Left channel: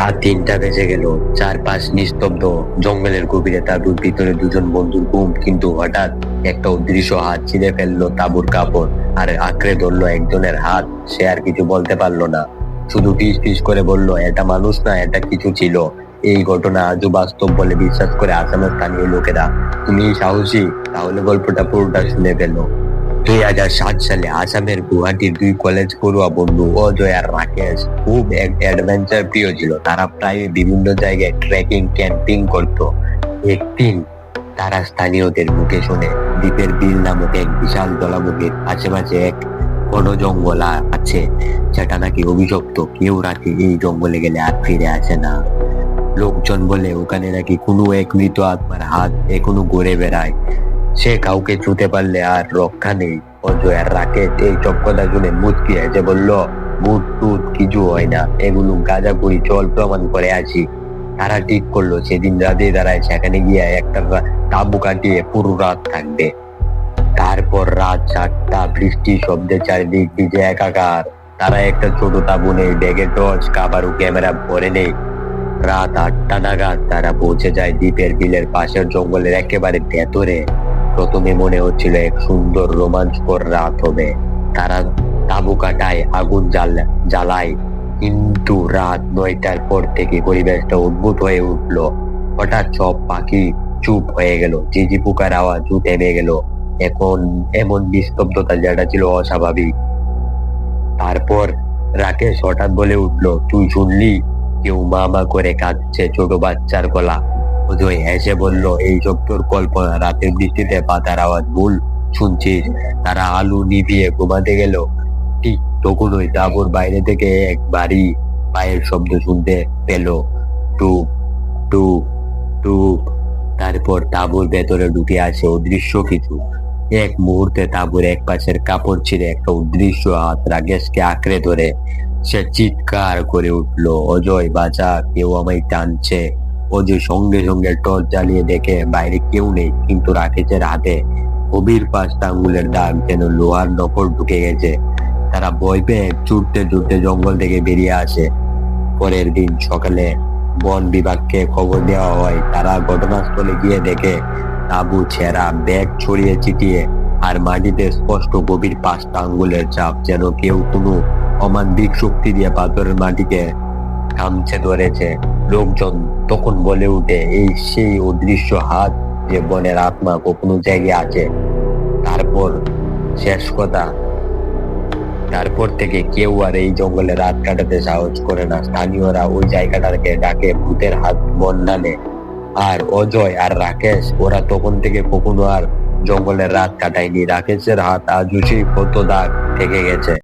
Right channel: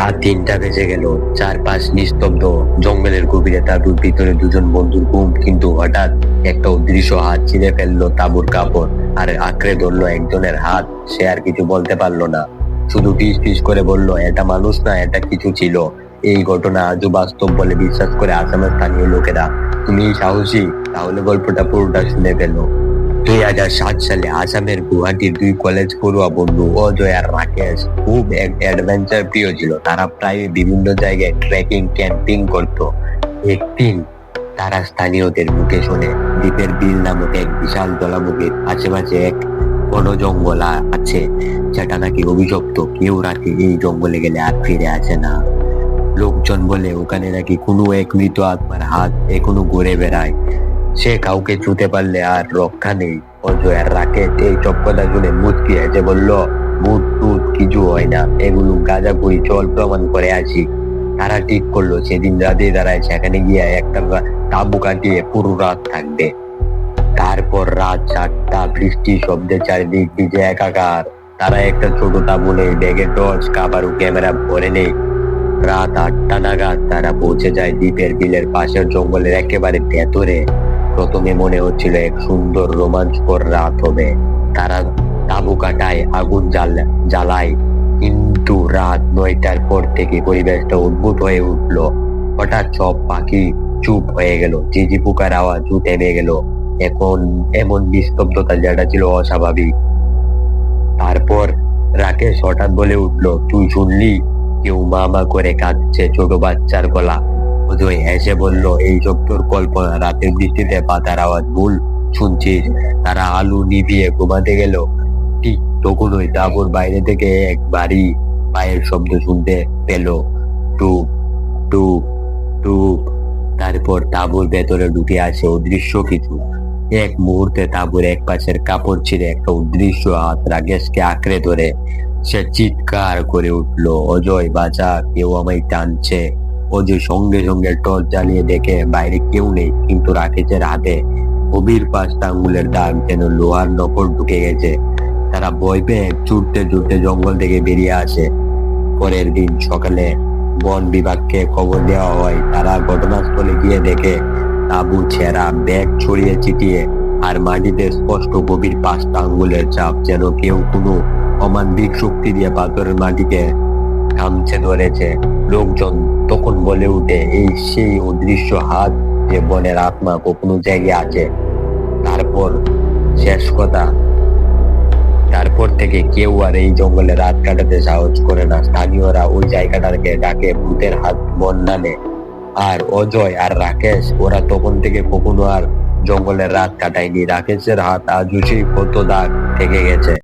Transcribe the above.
রাত তিনটা বেজে গেল। চারপাশ নিস্তব্ধ। জঙ্গলের গভীরে তাঁবুর ভিতরে দুজন বন্ধুর ঘুম কিন্তু হঠাৎ একটা অদৃশ্য হাত ছিঁড়ে ফেলল তাঁবুর কাপড় আর আঁকড়ে ধরলো একজনের হাত। সে আর কিছু বলতে পারল না। শুধু ফিস ফিস করে বলল, এটা মানুষ না, এটা কিছু ছিল। এই ঘটনা আজও বাস্তব বলে বিশ্বাস করে আসামের স্থানীয় লোকেরা। তুমি সাহসী? তাহলে গল্পটা পুরোটা শুনে ফেলো। দুই হাজার সাত সালে আসামের গুয়াহাটির দুই কলেজ পড়ুয়া বন্ধু অজয় আর রাকেশ খুব এক অ্যাডভেঞ্চার প্রিয় ছিল। তারা প্রায় বিভিন্ন জায়গায় ট্রেকিং ক্যাম্পিং করত। একদিন তারা স্থানীয়দের মুখে শুনে দ্বীপের বিল নামক এক বিশাল জলাভূমির আশেপাশে এক বন জঙ্গল আছে, যেটা নাকি অভিশপ্ত। কেউ রাতে এই জঙ্গলে গেলে আর ফিরে আসে না। লোকজন বলে, ওখানে নাকি কোনো এক মৃত আত্মার হাত এখনও ঘুরে বেড়ায়। সে কাউকে ছুতে পারলে আর রক্ষা নেই। অজয় আর রাকেশ এই সব কথা শুনে মুচকি হেসে বলল ভূত টুত কিছু হয় না। এগুলো গাঁজা করি চল প্রমাণ করে আছি তারা ঠিক করল, সেদিন রাতে দাঁড়ায় সেখানে গিয়ে একটা তাঁবু কাটিয়ে পুরো রাত থাকবে। তারপর রাত চারটা বৃষ্টি শব্দে চারিদিক ভিজে একাকার। তারা একটা ছোট তাঁবু নেই, ব্যাগে টর্চ, কাবার, ক্যামেরা ভরে নেই। রাত আটটা নাগাদ তারা পৌঁছে যায় দ্বীপের বিলের পাশের জঙ্গলের একেবারে ভেতরে। প্রথমে মনে হচ্ছিল এক সুন্দর রোমাঞ্চকর রাত হবে। তারা তাঁবু কাটায়, আগুন জ্বাল, জ্বালায়। কিন্তু রাত নয়টার পর থেকে পরিবেশটা অদ্ভুত হয়ে উঠল। হঠাৎ সব পাখি চুপ হয়ে গেল। ঝিঝি পোকার আওয়াজও থেমে গেল। এখন এমন নিস্তব্ধতা যেটা ছিল অস্বাভাবিক। তারপর রাকেশ হঠাৎ বলে উঠল, তুই শুনলি? কেউ মা মা করে কাঁদছে ছোট বাচ্চার গলা। অজয় হেসে বলল, এই সব তোর কল্পনা। রাতের বৃষ্টিতে পাতার আওয়াজ, ভুল শুনছিস? তারা আলু নিভিয়ে ঘুমাতে গেল। ঠিক তখনই তারপর বাইরে থেকে এক বাড়ি পায়ের শব্দ শুনতে পেল। টুক টুক টুক তারপর তাঁবুর ভেতরে ঢুকে আসে অদৃশ্য কিছু। এক মুহূর্তে তাঁবুর এক পাশের কাপড় ছিঁড়ে একটা অদৃশ্য হাত রাগেশকে আঁকড়ে ধরে। সে চিৎকার করে উঠল, অজয়, বাঁচা, কেউ আমায় টানছে। অজয় সঙ্গে সঙ্গে টর্চ জ্বালিয়ে দেখে বাইরে কেউ নেই, কিন্তু রাকেশের হাতে। গভীর পাঁচটা আঙ্গুলের দাগ যেন লোহার নকল ঢুকে গেছে। তারা ভয় পেয়ে ছুটতে ছুটতে জঙ্গল থেকে বেরিয়ে আসে। পরের দিন সকালে বন বিভাগকে খবর দেওয়া হয়, তারা ঘটনাস্থলে গিয়ে দেখে তাবু, ছেঁড়া, ব্যাগ ছড়িয়ে ছিটিয়ে আর মাটিতে স্পষ্ট গভীর পাঁচটা আঙ্গুলের চাপ যেন কেউ কোনো অমানবিক শক্তি দিয়ে পাথরের মাটিকে কামছে ধরেছে। লোকজন তখন বলে উঠে, এই সেই অদৃশ্য হাত যে বনের আত্মা কখনো জায়গায় আছে। তারপর শেষ কথা, তারপর থেকে কেউ আর এই জঙ্গলে রাত কাটাতে সাহস করে না। স্থানীয়রা ওই জায়গাটাকে ডাকে ভূতের হাত বন্ধানে আর অজয় আর রাকেশ, ওরা তখন থেকে কখনো আর জঙ্গলের রাত কাটায়নি। রাকেশের হাত আজও সেই ক্ষত দাগ থেকে গেছে।